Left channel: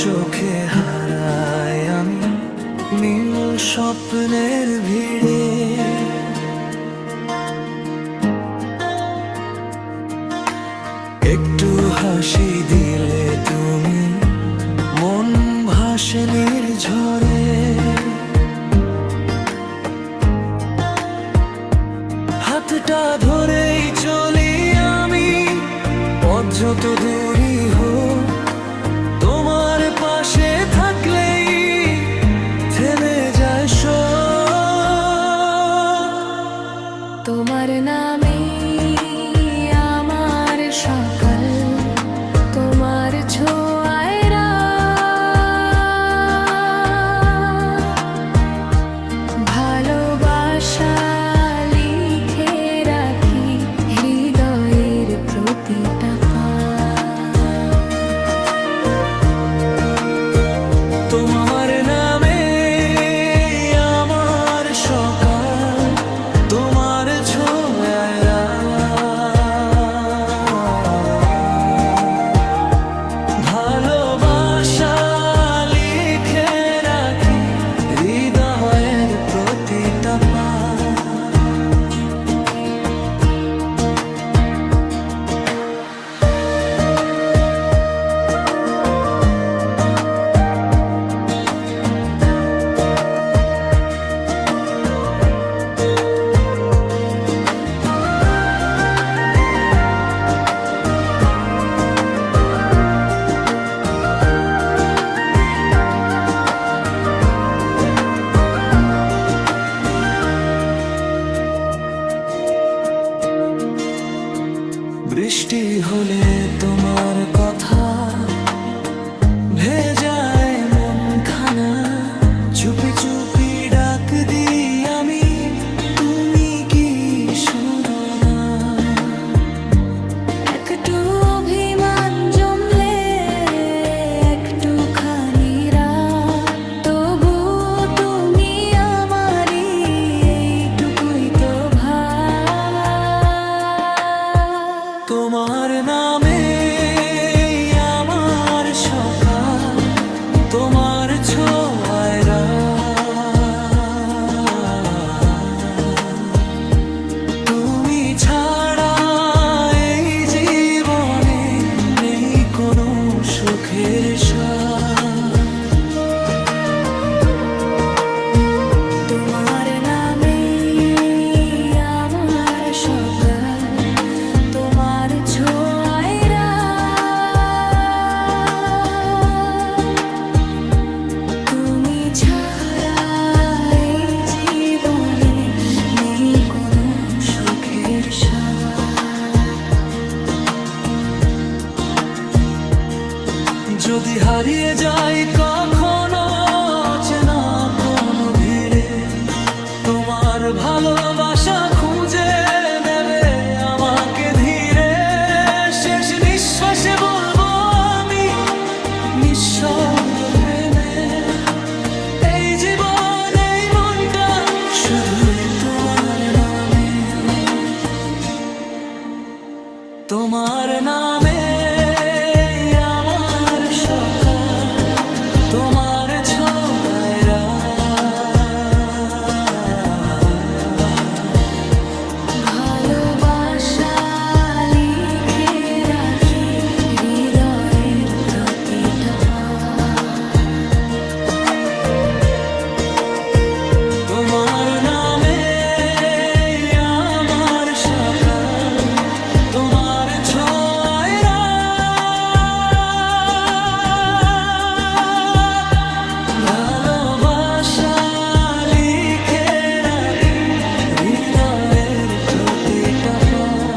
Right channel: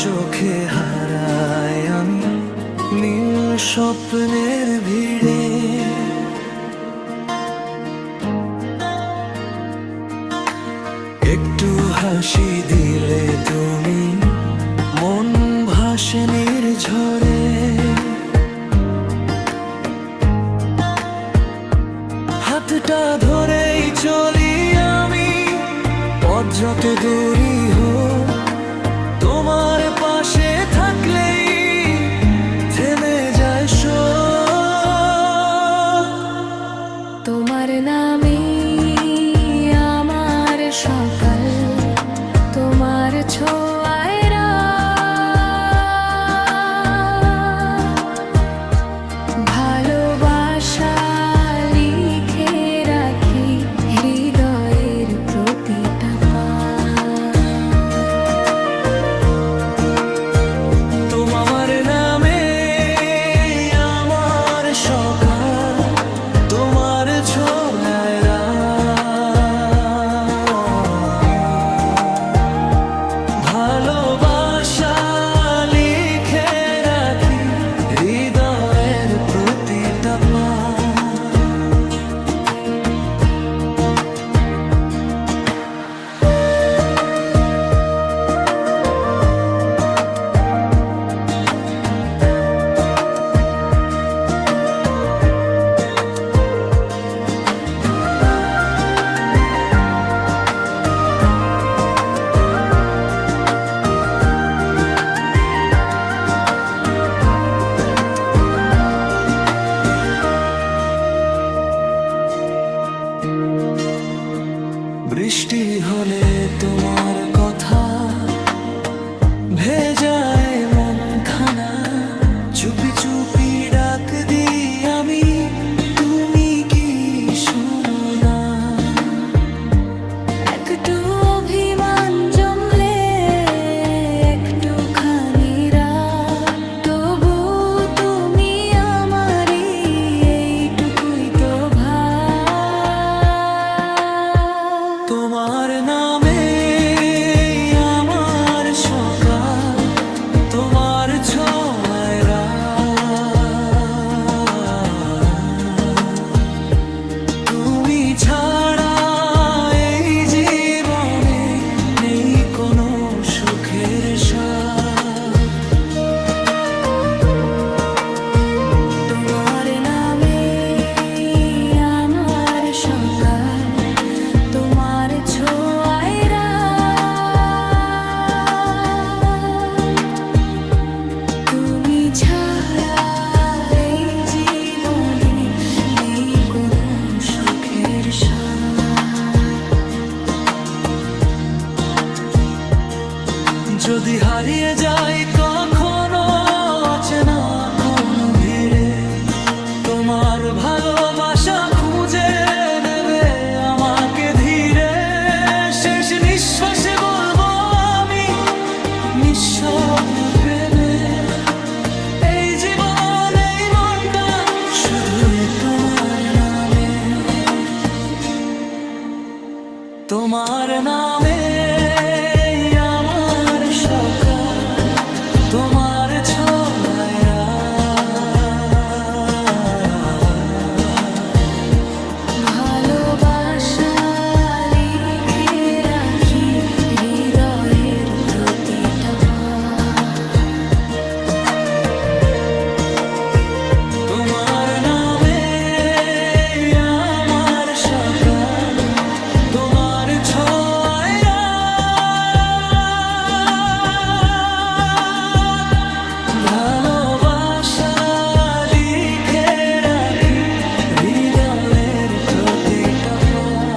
চোখে হারাই আমি নীল স্বপ্নের ভিড়ে। একটু হাসি দিলে তুমি মন ভাসনের ঝরে হাতটা ধরেই চলি আমি, পথ যত দূরই হোক পাশে থাকলেই থেমে যায় তোমার নামে আমার সকাল তোমার ছোঁয়ায় ভালোবাসা প্রতিটা পা বৃষ্টি হলে তোমার কথা ভেজায় মন খানা চুপি চুপি ডাক দি আমি তোমার নামে আমার সকাল তোমার ছোঁয়ায় তুমি ছাড়া এই জীবনে কোনো সুখের যদি হারিয়ে যাই কখনো অচেনা কোনো ভিড়ে, তোমার ভালোবাসা খুঁজে জীবন এই মনটা শুধুই তোমার নামে। তোমার নামে 的光。